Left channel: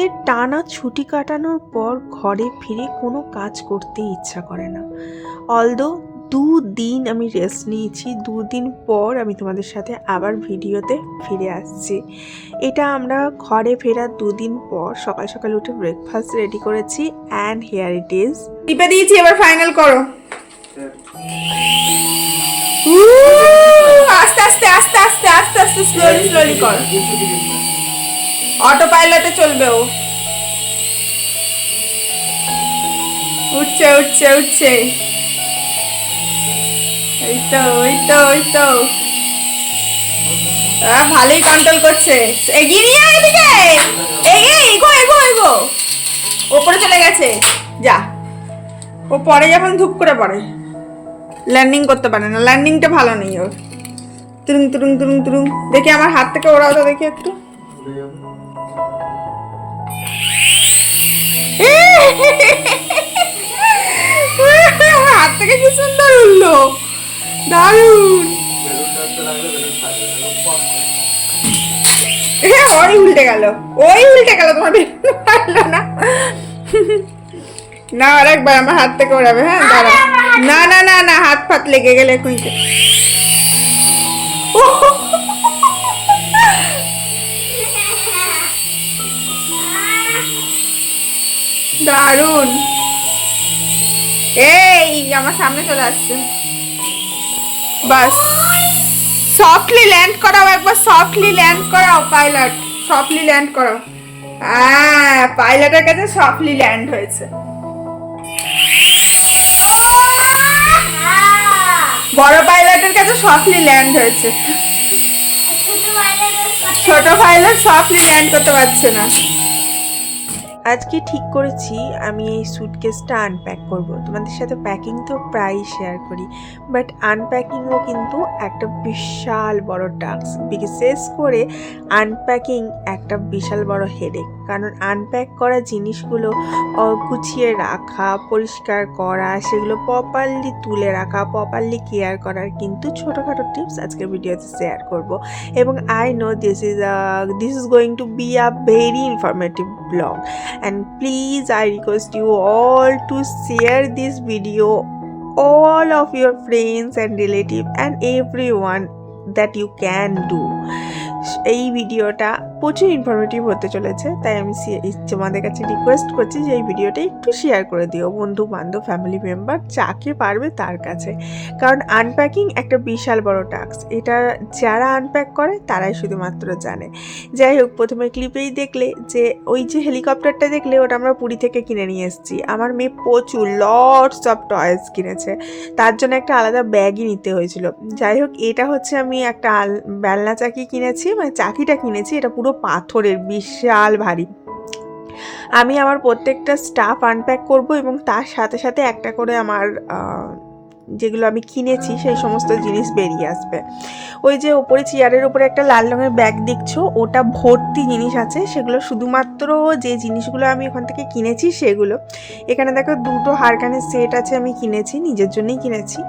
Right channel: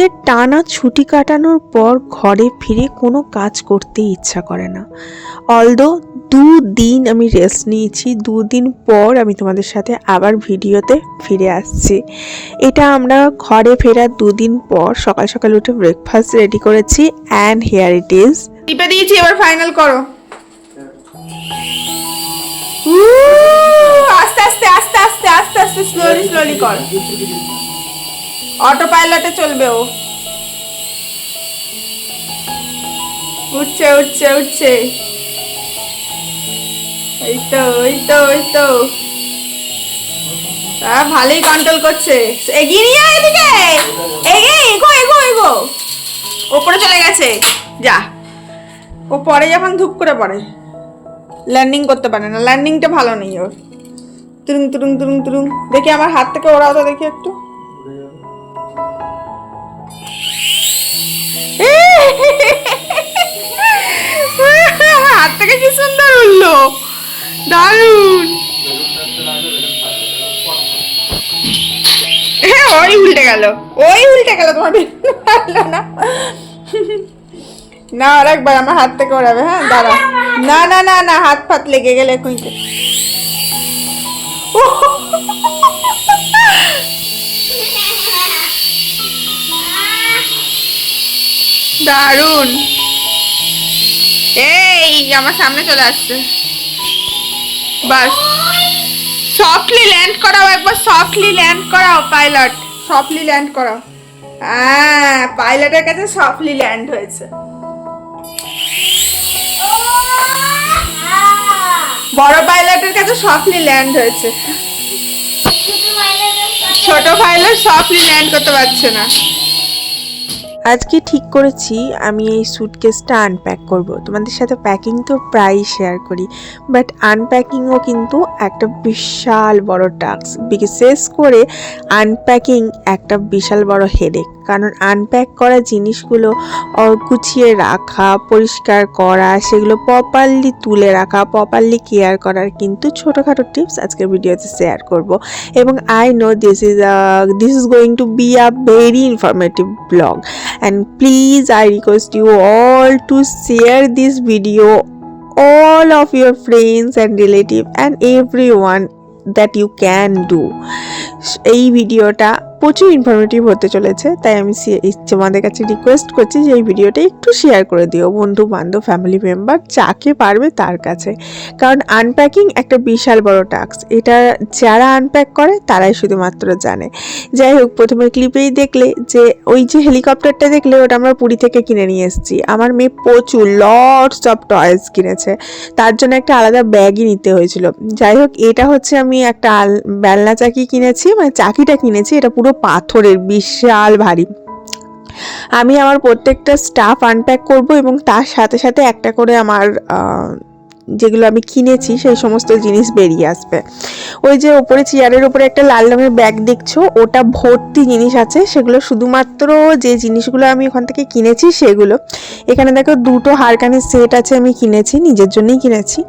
দিনের টানা ছুটি কাটানোর পর ঘরে ফিরে কোনো কাজ করতে ইচ্ছা করে না। অলদো দুদিন আমি রেস্ট নিয়েছি দুদিন পর আমি তোমাদের সাথে আবার ভিডিওতে ফিরে আসছি। এটা আমরা ঘরে ফেরার দুদিন পর সকাল সকাল উঠে ব্রেকফাস্ট রেডি করেছি অ্যান্ড হেয়ার ইট ইজ টিপে দিয়েছি এবার ফাইনাল করো। আস্তে আস্তে আস্তে আস্তে আস্তে আস্তে স্লোলি স্লোলি করো। অটো পাইলটে চলবে ও। উঠছে উঠছে উঠছে। এই তো ওই তো ওই তো। ভালোই কন্ট্রোল করছে। এগিয়ে নিয়ে এদিকে। এগে এগো এগো এগো। ওপরে চলে গেছে। যা। ও পরে যখন ধূপ করে পড়ে। ল্যান্ডিং করতে পারে না। ল্যান্ডিংটা ভালো নেই ওর। তুরুং তুরুং তুরুং তুরুং। দেখি আমার হাত থেকে ওরাও তো দেখি একটু। হাত থেকে কি সুন্দর উঠল? দারুণ। ওই উল্টে গেল, ওই উল্টে গেল তোমার বেরোনো পারল না। না, আর একবার আমার হাত থেকে ওড়াবে হ্যাঁ দাঁড়া। না না না না, হাত ফাত লেগে গেলে কুইতে। দারুণ। এই আমার সামনে চলে আসছে। বাস। সফটলি ল্যান্ড করাও একবার সফটলি ল্যান্ড করাও পাইলট সফটলি ল্যান্ড করাও। হ্যাঁ পাইলটের কাছে সফটলি ল্যান্ড হয়েছে। বড় পাইলটের কাছে সফটলি ল্যান্ড হয়েছে। ছোট পাইলট সফটলি ল্যান্ড করতে পারছে না। আজকে ঠিক করেছি, আমি এই সুটকেসটা আনপ্যাক করব। তোমাদের সাথে প্যাকিং তো প্রায়ই শেয়ার করি বাট আনপ্যাকিংও কিন্তু একটা বিশাল বড় টাস্ক বিশেষ করে আনপ্যাকিং একটা বিশাল বড় হেডেক কারণ আনপ্যাক করা জিনিসগুলো গুছিয়ে রাখা, পরিষ্কার করা, সেগুলো প্রপারলি তুলে রাখা প্রপারলি কেয়ার করার কিন্তু ছোটোখাটো টিপস আজকের ভিডিওতে শেয়ার করব। এবং I know this is this is going to be a very informative blog and please i request you all to share this video all of your friends and relative and everyone that you can do এই ভিডিওটা প্রচুর informative হতে চলেছে, তাই আমি এই তোমাদের কাছে রিকোয়েস্ট করছি যে এই ভিডিওটা একটু শেয়ার করে দিও, বন্ধু বান্ধব ফ্যামিলি মেম্বার যাকে পারবে তার কাছে। কারণ আনপ্যাকিং একটা বিশাল বড় টাস্ক এটা যারা আনপ্যাক করে, তারাই শুধুমাত্র জানে। যাই হোক, প্রথমে ক্লিপেই দেখলে যে, ওই যে হেলিকপ্টারটা দেখলে, ওটা আমরা পুরী থেকে কিনে নিয়ে এসেছি। আমার মেয়ে প্রচুর লটস অফ টয়েস কিনেছে। তার জন্য একটা আলাদা ব্যাগই নিতে হয়েছিল। যাই হোক, এটা হচ্ছে আমি একটা বেলনা চাকি কিনেছি মানে চাকিটা কিনেছি, এটা পুরো পাথরের, বিশাল ভারী। আমি আমার প্রত্যেকটা স্টাফ আনপ্যাক করব এবং তার সাথে সাথে একটা করে আমার যেগুলো আমি কিনেছি, সেই সমস্ত জিনিস বেরিয়ে আসবে। ওই যে ওপরে চেয়ারের উপরে একটা লাল রঙের ব্যাগ দেখছ, ওটা ভর্তি জিনিস আছে। সেগুলো শুধুমাত্র যে জিনিসগুলো আমি ওখান থেকে কিনেছি, সেগুলো। এখানে দেখো দুটো হারকানের সেট আছে আমি কিনেছি, নিজের জন্যই কিনেছি।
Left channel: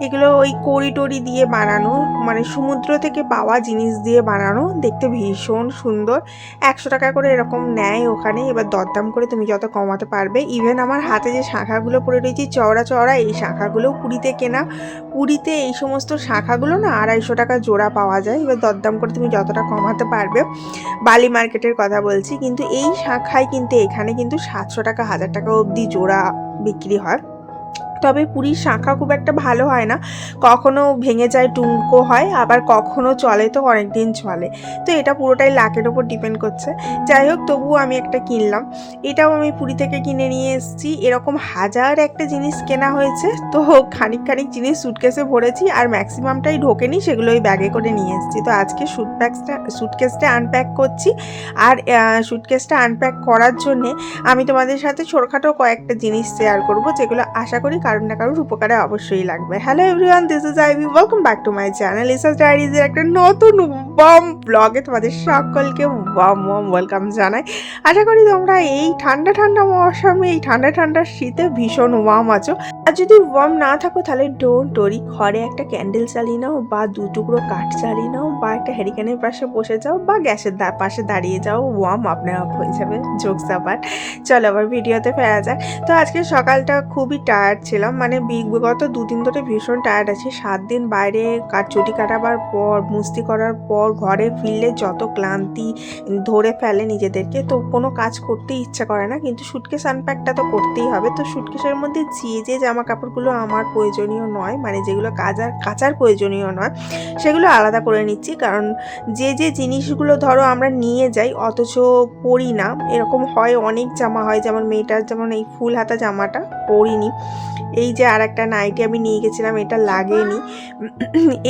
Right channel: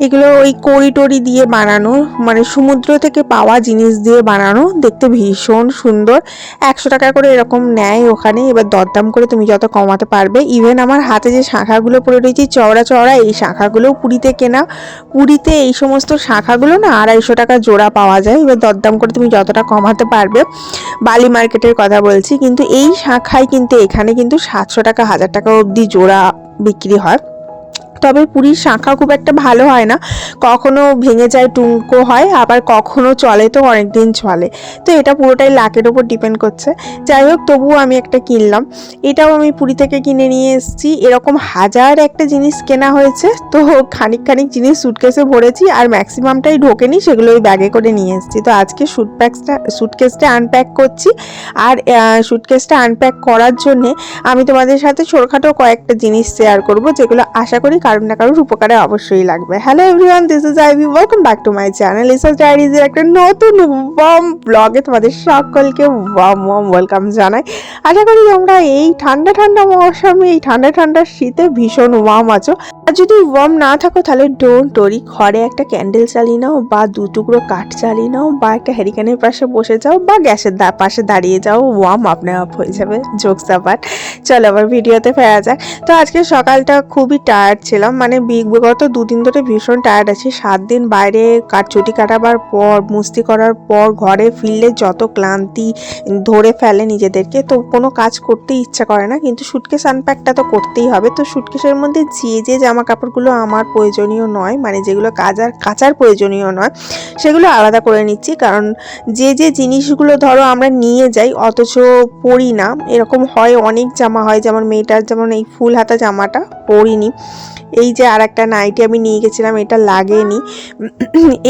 এগুলো ওই কড়ি দিয়ে বানানো মানে সমুদ্র থেকে পাওয়া জিনিস দিয়ে বানানো। দেখতে ভীষণ সুন্দর। একশো টাকা করে এরকম নেয় ওখানে, এবার দরদাম করে তুমি যত কমাতে পারবে। ইভেন আমার হাতে যে শাখাগুলো পড়ে রয়েছে, চওড়া চওড়া, এই শাখাগুলোও পুরীতে কেনা। পুরীতে এই সমস্ত শাখাগুলো না আড়াইশো টাকা জোড়া পাওয়া যায়। এবার দরদাম করে তুমি যতটা কমাতে পারবে, বালি মার্কেটের কথা বলছি। কিন্তু এই শাখায় কিন্তু এখানে কিন্তু সাতশো টাকা, হাজার টাকা অবধি জোড়া বিক্রি হয়। তবে পুরীর শাঁখা খুব একটা ভালো হয় না। কখনো ভেঙে যায়, টুঙ্কো হয়, আবার কখনো চলে তো অনেক দিন চলে। তো এটা পুরোটাই লাকের ওপর ডিপেন্ড করছে। যাই হোক, তবুও আমি একটা কিনলাম। এটাও আমি পুরী থেকে কিনে নিয়ে এসেছি। এরকম হাজার একটা জিনিস কেনা হয়েছে। তো খানিক খানিক জিনিস সুটকেসে ভরেছি আর ম্যাক্সিমামটাই ঢোকেনি, সেগুলো ওই ব্যাগে করে নিয়ে এসেছি। তো আজকে সুট প্যাকসটা সুটকেসটা আনপ্যাক করছি। আর সুটকেসটা আনপ্যাক করার জন্যে আমি তোমাদের সাথে ছোটখাটো কয়েকটা জিনিস শেয়ার করব, যেগুলো আশা করি কারোর না কারোর উপকারে অবশ্যই লাগবে। Hello everyone this is Ivy welcome back to my channel ইসাস ডায়েরিজের একটা নতুন ওয়াম ব্লগে তোমাদের সকলকে ওয়াম ওয়াম ওয়েলকাম জানাই। আশা করি তোমরা এই ঠান্ডা ঠান্ডা মৌসুমে, এই ঠান্ডা ঠান্ডা শীতে ভীষণ ওয়াম আছো। আর যদি ওয়াম না থাকো, তাহলে ডোন্ট টরি ঘরে একটা ক্যান্ডেল চালিয়ে নাও বা দু টুকরো কাঠ চালিয়ে নাও বা একটা হ্যারিকেনের পাশে বসে যাও বা গ্যাসের পাশে দাঁড়িয়ে যাও ওয়াম আপনা আপ হয়ে যাবে জোকস আবার। চলো আবার ভিডিওতে ফেরা যাক। তো আজকে সকালটা খুবই টায়ার্ড ছিলাম মানে বিগত দুদিন ধরে ভীষণ টায়ার্ড আছি। সাত দিন বাইরে ছুটি কাটাবার পর, মুস্তি করার পর, ঘরে ফিরলে যত ক্লান্তি ধরে ফেলে নিজেদেরকে, তো কোনো কাজ করতে ইচ্ছা করে না। কিন্তু সুটকেস আনপ্যাকটা তো করতেই হবে। তো সুটকেসের মধ্যে যে যে জামা কাপড়গুলো আমার প্রয়োজনীয় নয় মানে যেগুলো কাজার, কাচার প্রয়োজনীয় নয়, সেগুলো আলাদা করে নিচ্ছি। কারণ যে যে জিনিসগুলো ধরো আমরা নিয়ে যাই, অথচ পরি না, এরকম হয় অনেক জামা হয়। যেমন মেয়েটার যেমন এই ফুল হাতা জামাটা পরিনি। এই যে আর একটা নাইটি আমি নিয়ে গেছিলাম, এটা লাগেনি।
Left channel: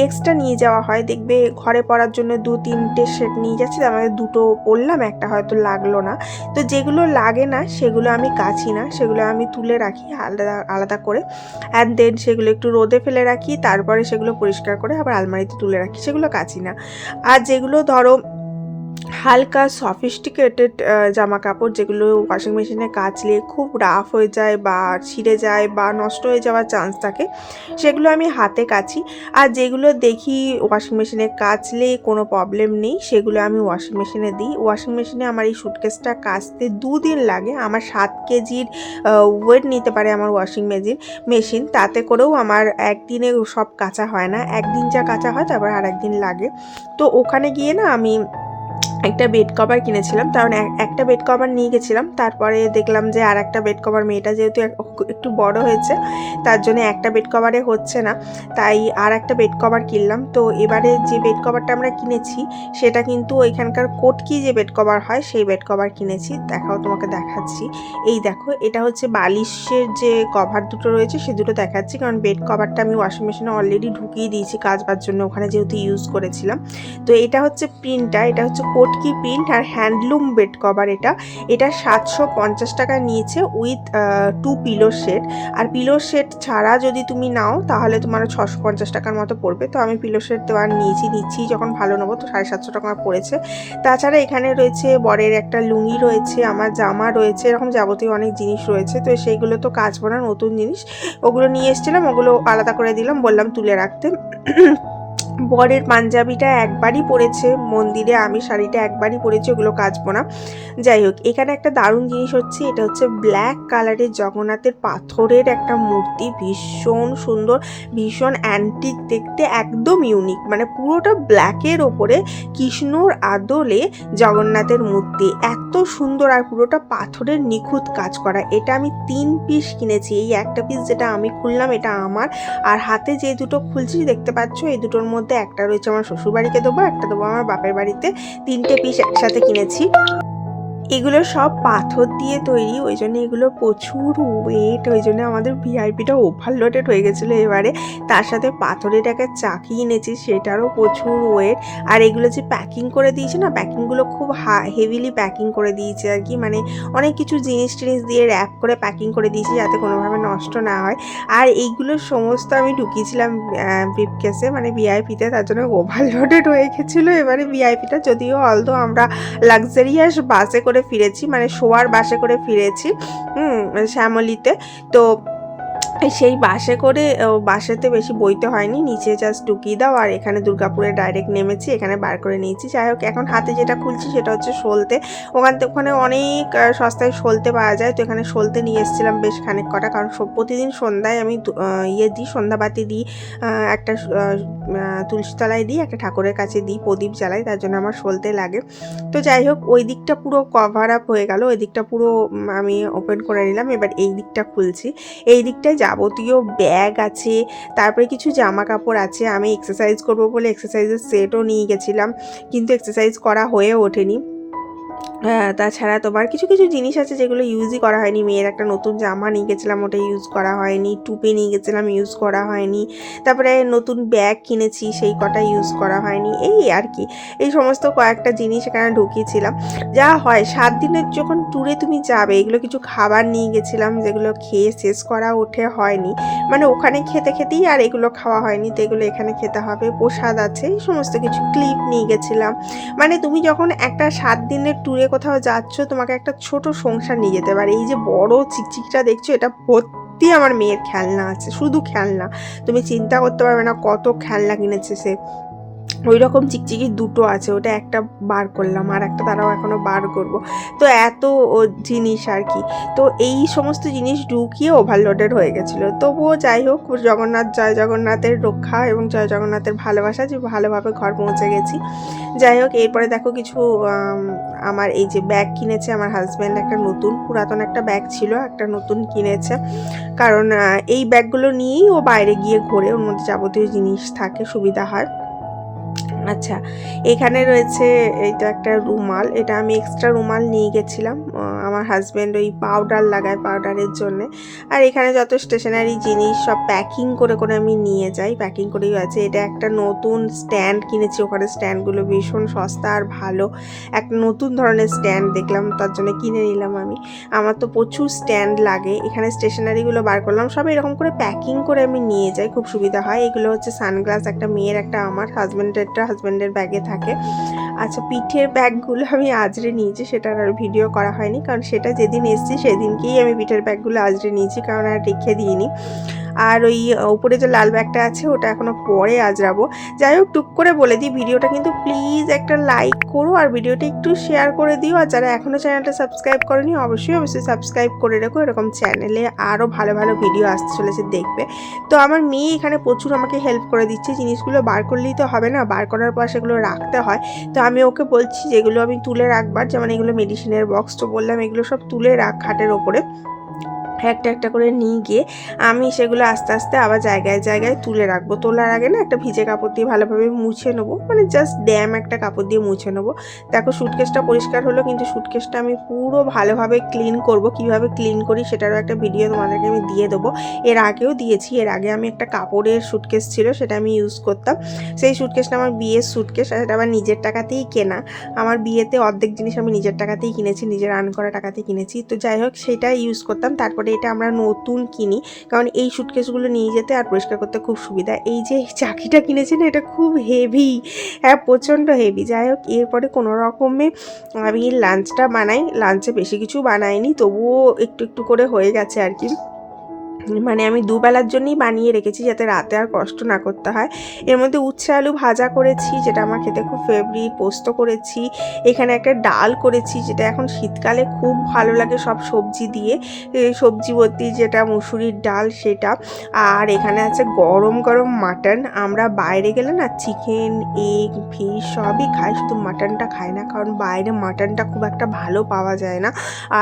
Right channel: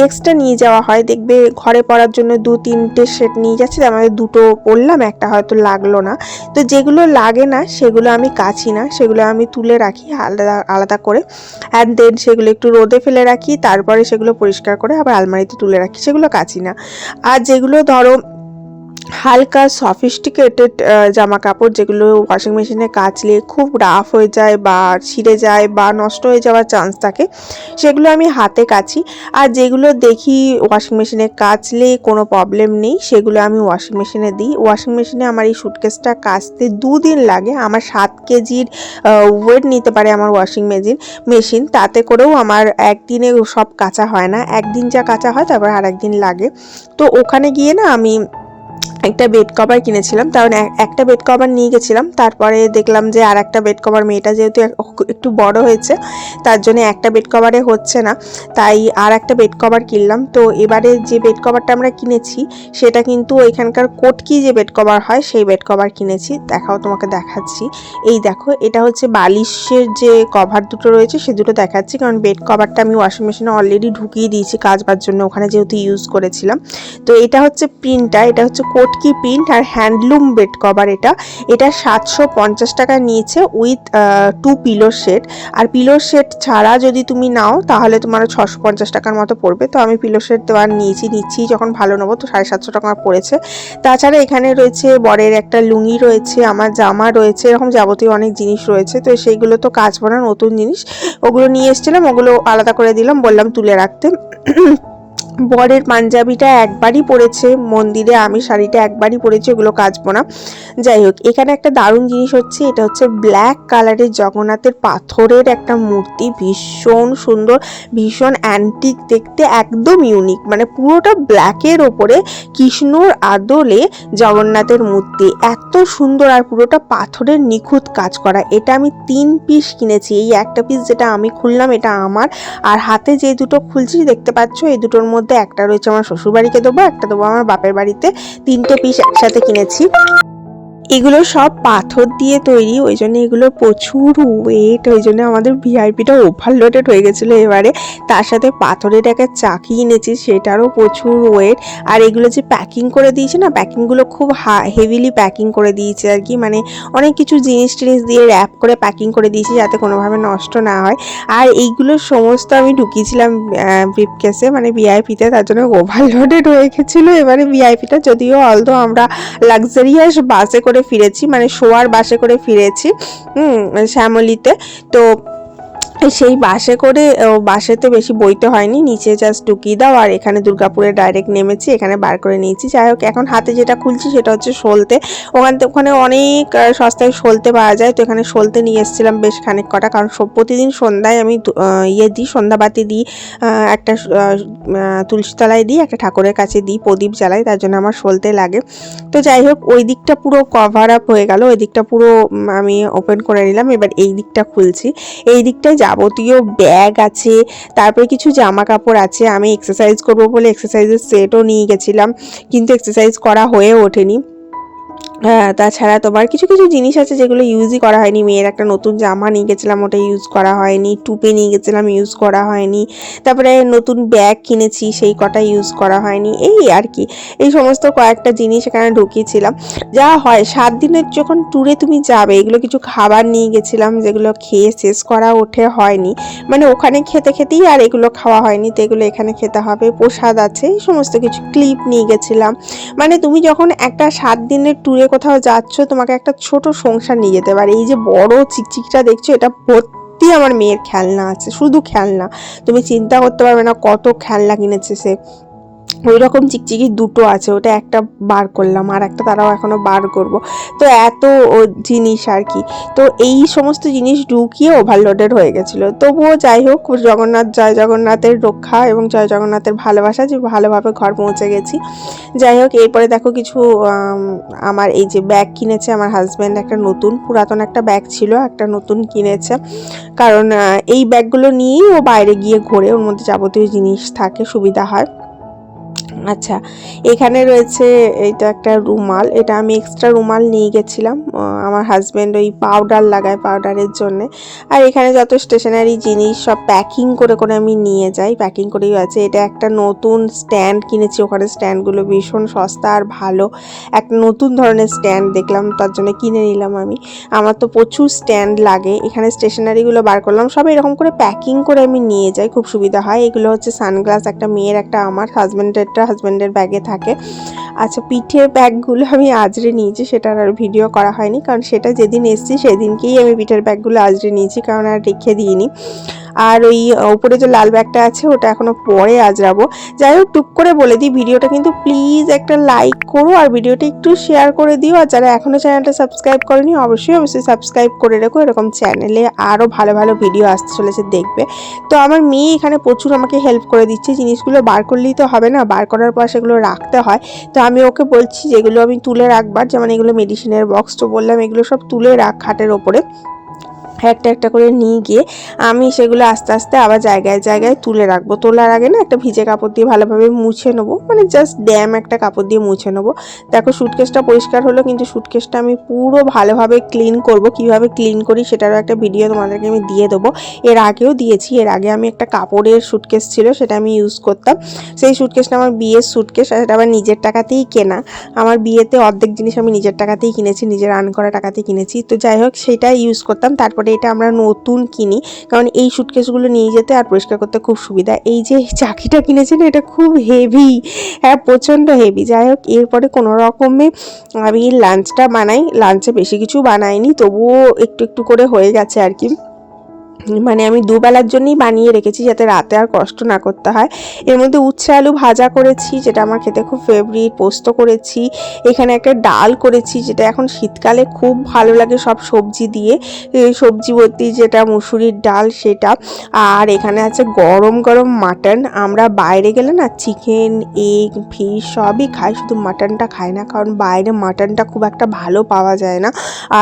এক্সট্রা নিয়ে যাওয়া হয়, দেখবে ঘরে পরার জন্য দু, তিনটে সেট নিয়ে যাচ্ছে আমাদের দুটো পরলাম একটা হয়তো লাগল না। তো যেগুলো লাগে না, সেগুলো আমি কাছি না, সেগুলো আমি তুলে রাখি আলাদা আলাদা করে। অ্যান্ড দেন সেগুলো একটু রোদে ফেলে রাখি, তারপরে সেগুলো পরিষ্কার করে আবার আলমারিতে তুলে রাখি, সেগুলো কাছি না। আর যেগুলো ধরো হালকা সফিস্টিকেটেড জামা কাপড় যেগুলো ওয়াশিং মেশিনে কাচলে খুব রাফ হয়ে যায় বা ছিঁড়ে যায় বা নষ্ট হয়ে যাওয়ার চান্স থাকে, সেগুলো আমি হাতে কাচি। আর যেগুলো দেখি ওয়াশিং মেশিনে কাচলে কোনো প্রবলেম নেই, সেগুলো আমি ওয়াশিং মেশিনে দিই। ওয়াশিং মেশিনে আমার এই সুটকেসটা কাচতে দুদিন লাগে। আমার সাত কেজির ওয়েট নিতে পারে আমার ওয়াশিং মেশিন মেশিন তাতে করেও আমার একদিনে সব কাঁচা হয় না। একদিন যা কাঁচা হয়, তারপর আর একদিন লাগে। তো ওখানে গিয়ে না আমি একটা বেড কভার কিনেছিলাম, কারণ এক- একটা বেড কভার নিয়ে গেছিলাম, তারপরে দেখলাম যে আর একটা বেড কভার মেয়েটা যেহেতু একটু বড় হয়েছে, তার জন্য একটা বেড কভারে হচ্ছে না, তাই আর একটা বেড কভার কিনলাম। তো এবারে যে বেড কভারটা আমরা কিনেছি, সেটা কিন্তু ওইখানকার কোটকি যে বেড কভার হয়, সেই বেড কভার কিনেছি। দেখাও তোমাকে দেখাচ্ছি। এই দেখো, এটা হচ্ছে বালিশের যে কভার দুটো রয়েছে, সে দুটো দেখাচ্ছি, কারণ বেড কভারটা আমি ওয়াশিং মেশিনে অলরেডি ঢুকিয়ে দিয়েছি কাচবার জন্য, ওখানে যেহেতু ইউজ করেছিলাম। তো এটা হচ্ছে প্রিন্টটা এটা হচ্ছে কোটকি প্রিন্ট আর হ্যান্ডলুম বেড কভার এটা। এটা সাতশো পঞ্চাশ টাকা নিয়েছে উইথ টু পিলো সেট আর পিলো সেট ছাড়া যদি তুমি নাও, তাহলে তোমার ছশো পঞ্চাশ টাকার মতো পড়বে। তো আমি পিলো সেট দেওয়ার নিয়েছি, নিচ্ছি যখন ভালো নেব তো সাড়ে সাতশো টাকা পড়েছে। তাছাড়া এখানে রয়েছে বরের একটা লুঙ্গি রয়েছে, আমার জামা রয়েছে, এরকম যাবতীয় অনেক জিনিস রয়েছে। তো সেইগুলো তো কাজ না নতুন জিনিস। ওগুলো নিয়ে এসেছিলাম, ওগুলো আলাদা করে দিলাম, বললাম তুলে রাখতে। বরের পাঞ্জাবিটা একবারই পরেছে, মন্দিরে আমি শাড়িটা একবারই পরেছি, ওগুলো কাচবো না। যাই হোক, এখানে একটা দারুণ জিনিস হচ্ছে, এটা হচ্ছে ব্ল্যাক কালারের জগন্নাথের পাথরের একটা মূর্তি, ভীষণ সুন্দর, ভীষণ অ্যান্টিক দেখতে, একদম ইউনিক মানে পুরোটা ব্ল্যাকের ওপরে কৃষ্ণর আদলে জগন্নাথের মূর্তি। এত সুন্দর আর পুরোটা পাথরের নিখুঁত কাজ করা। এটা আমি তিন পিস কিনেছি, এই একটা পিস যেটা আমি খুললাম, এটা আমার। আর হাতে যে দুটো খুলছি, দেখতে পাচ্ছ, এই দুটোর মধ্যে একটা রয়েছে আমার শ্বশুর বাড়িকে দেবো, একটা দেবো আমার বাপের বাড়িতে। তিনটে পিস একসাথে কিনেছি। এগুলো সব পাথর দিয়ে তৈরি, ওই জন্য এগুলো প্রচুর ওয়েট ওই জন্য আমাদের ভিআইপিটা ওভারলোডেড হয়ে গেছিল এবারে। তার সাথে পাথরের একটা চাকি এনেছি, সেটারও প্রচুর ওয়েট আর এগুলো যে প্যাকিং করে দিয়েছে না প্যাকিংগুলো খুব হেভিলি প্যাকিং করে দিয়েছে আর কি। মানে অনেক কিছু জিনিস টিনিস দিয়ে র্যাপ করে প্যাকিং করে দিয়েছি যাতে কোনোভাবে নষ্ট না হয়। আর এইগুলো সমস্ত আমি ঢুকিয়েছিলাম ব্রিফকেসে মানে ভিআইপিতে তার জন্য ওভারলোডেড হয়ে গেছিল এবারে ভিআইপিটা যদিও অলদো আমরা লাক্সারিয়াস বাসে করে ফিরেছি মানে শোয়ার বাসে করে ফিরেছি হুম শ্যামলিতে। তো সেই বাসে করে বাসেতে বেশি বইতে হয়নি নিচে জাস্ট ঢুকিয়ে দাও আর এখানে দুর্গাপুরে ডাইরেক্ট নেমেছি এখানে বার করে নিয়েছি। যাই হোক এখন হাতে যেটা খুলছি সেটা হচ্ছে সলতে। ওখান থেকে ওখানে অনেক সস্তায় সলতে পাওয়া যায় তো এখানে সলতে নিয়ে এসেছিলাম বেশ খানিক কটা কারণ প্রতিদিন সন্ধ্যায় আমি ইয়ে দিই সন্ধ্যাবাতি দিই একটা আহ, আহ, তুলসী তলায় দিই একটা ঠাকুরের কাছে দিই প্রদীপ জ্বালাই তার জন্য আমার সলতে লাগে। তো যাই হোক ওই দিকটা পুরো কভার আপ হয়ে গেল ওই দিকটা পুরো আমি ওপেন করে নিলাম এবার এই দিকটা খুলছি। এই দিকটায় যাবতীয় ব্যাগ আছে, তারপরে কিছু জামা কাপড় আছে, আমি এক্সারসাইজ করব বলে এক্সারসাইজের সেটও নিয়ে গেছিলাম, কিন্তু এক্সারসাইজ করা হয়ে ওঠেনি। তাছাড়া তোমার কিছু কিছু জিনিস আছে যেগুলো ইউজই করা হয়নি। মেয়ের একটা নতুন জামা নিয়ে গেছিলাম, ওটা ইউজ করা হয়নি। টুপি নিয়ে গেছিলাম ইউজ করা হয়নি। তারপরে নতুন ব্যাগ কিনেছি, সেই কটা ইউজ করা হয়নি। এই আর কি। এই সমস্ত কয়েকটা জিনিস এখানে ঢুকিয়েছিলাম। যা হয়, সাত দিনের যখন ট্যুরে তুমি যাবে, এগুলো কিছু খাবার নিয়ে গেছিলাম, যেগুলো খেয়ে শেষ করা ওঠে হয়নি। মানে ওখানে খেতে খেতেই আর এগুলো খাওয়া হয়নি, তো এগুলো এখানে খেতে হবে। প্রসাদ আছে, এই সমস্ত কিছু ক্লিপ নিয়ে গেছিলাম। মানে তুমি যখন একটা সাত দিনের ট্যুরে কোথাও যাচ্ছ, তোমাকে একটা ছোট সংসার নিয়ে যেতে পারে। এই যে বড় চিকচিকটা দেখছ, এটা ভর্তি আমার মেয়ের খেলনা আছে। শুধু খেলনা। তুমি চিন্তা করতে পারবে না কত খেলনা কিনেছে সে। ওই রকম চিকচিকি দুটো আছে, ওটা একটা বার করলাম আর একটা তারাও এখনও বার করব। তো এত জিনিস আর কি। তো এই সমস্ত জিনিস ঢুকিয়ে ওভারলোডেড হয়ে গেছিল। তবুও যাই হোক, জগন্নাথ, জয় জগন্নাথের রক্ষা এবং জয় জগন্নাথের ভালোবাসা যে ভালোভাবে ঘর পৌঁছে গেছি। যাই হোক, এরপরে দেখো কিছু আমার এই যে ব্যাগ কিনেছে আমার হাজব্যান্ড একটা নতুন, পুরাতন একটা ব্যাগ ছিল, একটা নতুন কিনেছে। কারণ এই ব্যাগগুলো নিয়েই ও বাইরে গিয়ে ঘোরে, ওর মধ্যে যাবতীয় জিনিস থাকে, সুবিধা হয়। podcast. আচ্ছা এখানে রয়েছে এটা একটা রুমাল, এটা আমি এক্সট্রা রুমাল নিয়ে গেছিলাম আমার হাজব্যান্ড ওই পাউডার লাগায় পাউডারের জন্য। আর এখানে যত স্টেশনারি জিনিস, সব প্যাকিং করে করে আমি নিয়ে যাই প্যাকিং করেই আছে। এটা একটা নতুন স্ট্যান্ড কিনেছি, ওখানে স্ট্যান্ডগুলো ভীষণ সস্তা আর ভালো। একটা নতুন ধরনের স্ট্যান্ড দেখলাম, তার জন্য কিনে নিলাম আমি। আমার তো প্রচুর স্ট্যান্ড লাগে, এখানে স্টেশনারিগুলো বার করলাম, সব এরকম করে প্যাকিং করে আমি নিয়ে যাই, খুব সুবিধা হয়। এগুলো হচ্ছে সানগ্লাস একটা মেয়ের, একটা আমার হাজব্যান্ডেরটা হাজব্যান্ডের ব্যাগে থাকে। আচ্ছা পিঠের ব্যাগগুলো আমি আজরে নিয়েছি সেটার আর ভিডিও করা হয়নি, কারণ সেটা যেদিন এসেছি, সেদিনকেই আমি পিঠের ব্যাগগুলো আজরে নিয়েছি, কারণ আর রেখে দিইনি। আর ওই উপরে যে লাল ব্যাগটা আছে, ওটা এখনও পরে আজরাবো। যাই হোক, টুক করে বলে দিই, ভিডিওটা কিন্তু প্লিজ একটা লাইক করো আর ভিডিওটা একটু শেয়ার করে দিও। আর যারা এখনও চ্যানেলটা সাবস্ক্রাইব করেনি, অবশ্যই অবশ্যই সাবস্ক্রাইব করে রেখো। এরকম চ্যানেলে আরও ভালো ভালো ভিডিও আসতে চলেছে দেখবে। তো আমার মেয়ে এখানে প্রচুর আমাকে হেল্প করে দিচ্ছে, জিনিসগুলো বার করলেই তো হবে না, বার করার পর সেগুলো রাখতে হয়। তো আমি ওকে বলছি, যেগুলো আমি তুলে রাখবার, যেমন এগুলো মেডিসিনের বক্স তো বললাম, এগুলো সব তুলে রাখ খাটের ওপরে। একটা একটা করে নিয়ে গিয়ে আমি সেগুলো আস্তে আস্তে আবার জায়গায় জায়গায় তুলে রাখব। তোলার আগে না একটা ভিজে কাপড় দিয়ে ভালোভাবে মুছে নেব। মানে জাস্ট ড্যাম একটা কাপড় দিয়ে মুছে নেব। দেখো সুটকেসটা পরিষ্কার হলো কিন্তু সুটকেসটা আমি পুরো ভালোভাবে ক্লিন করব। কীভাবে ক্লিন করি সেটারও একটা ভিডিও তোমাদেরকে আমি দিয়ে দেবো। এর আগেও দিয়েছি। এর আগে আমি একটা কাপড়ের সুটকেস ছিল, সেটা আমি ইউজ করতাম। সেই সুটকেসটা আমার বিয়ের সুটকেস সেটা আবার নিজের টাকাতেই কেনা। আমার বিয়েতে অর্ধেক জিনিস আমি নিজের টাকাতেই কিনেছি, নিজের আর্ন করা টাকাতেই কিনেছি। তো যাই হোক সেটা ইউজ করতাম। তারপরে এটা আমরা নতুন কিনি। কারণ এই সুটকেসগুলো নিয়ে যেতে আর পরিষ্কার করতে খুব সুবিধা। এই যে চাকিটা কিনেছি না এটা খুব হেভি হ্যাঁ প্রচণ্ড হেভি যাই হোক, এরপরে কোনো রকমে আমি লাঞ্চটা বানাই। লাঞ্চে বেশি কিছু বানাইনি, তবুও একটু একটু করে হয়ে গেছে আর কি। মানে আমি দুবেলার জন্যই বানিয়ে রেখেছি যাতে রাতে আর কষ্ট না করতে হয়। এর মধ্যে উচ্ছে আলু ভাজা করেছি, যেটা আমার খেতে খুব ফেভারিট পোস্ত করেছি, এখানে একটা ডাল করেছি, যেটা এখন শীতকালে খুব ভালো লাগে সব সবজি দিয়ে। সবজি বলতে যেটা মুসুরির ডাল সেটা। আর এখানে আছে গরম গরম মাটন। আমরা বাইরে গেলে না চিকেন এগ ফিশ সবই খাই, শুধু মাটনটা খাই না, কারণ বাইরে মাটনটা খুব একটা ভালো পাওয়া যায় না।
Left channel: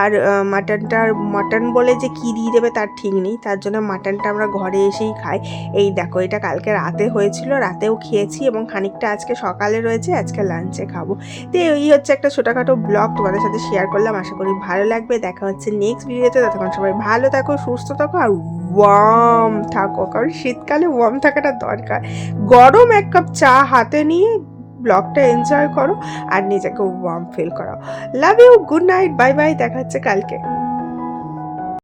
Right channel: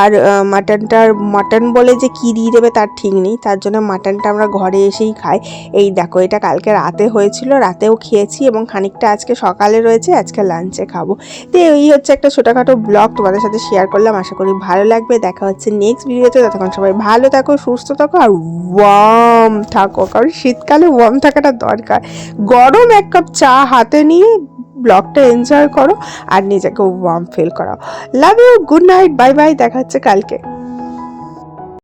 আর মাটনটার, মাটন বলে যে কী দিয়ে দেবে তার ঠিক নেই। তার জন্য মাটনটা আমরা ঘরে এসেই খাই। এই দেখো, এটা কালকে রাতে হয়েছিল, রাতেও খেয়েছি এবং খানিকটা আজকে সকালে রয়েছে, আজকে লাঞ্চে খাব। তো এই হচ্ছে একটা ছোটোখাটো ব্লগ তোমাদের সাথে শেয়ার করলাম, আশা করি ভালো লাগবে। দেখা হচ্ছে নেক্সট ভিডিওতে ততক্ষণ সবাই ভালো থাকো, সুস্থ থাকো, আর ওয়ার্ম থাকো, কারণ শীতকালে ওয়ার্ম থাকাটা দরকার। গরম এক কাপ চা হাতে নিয়ে ব্লগটা এনজয় করো, আর নিজেকে ওয়ার্ম ফিল করো love you good night bye bye দেখা হচ্ছে কালকে।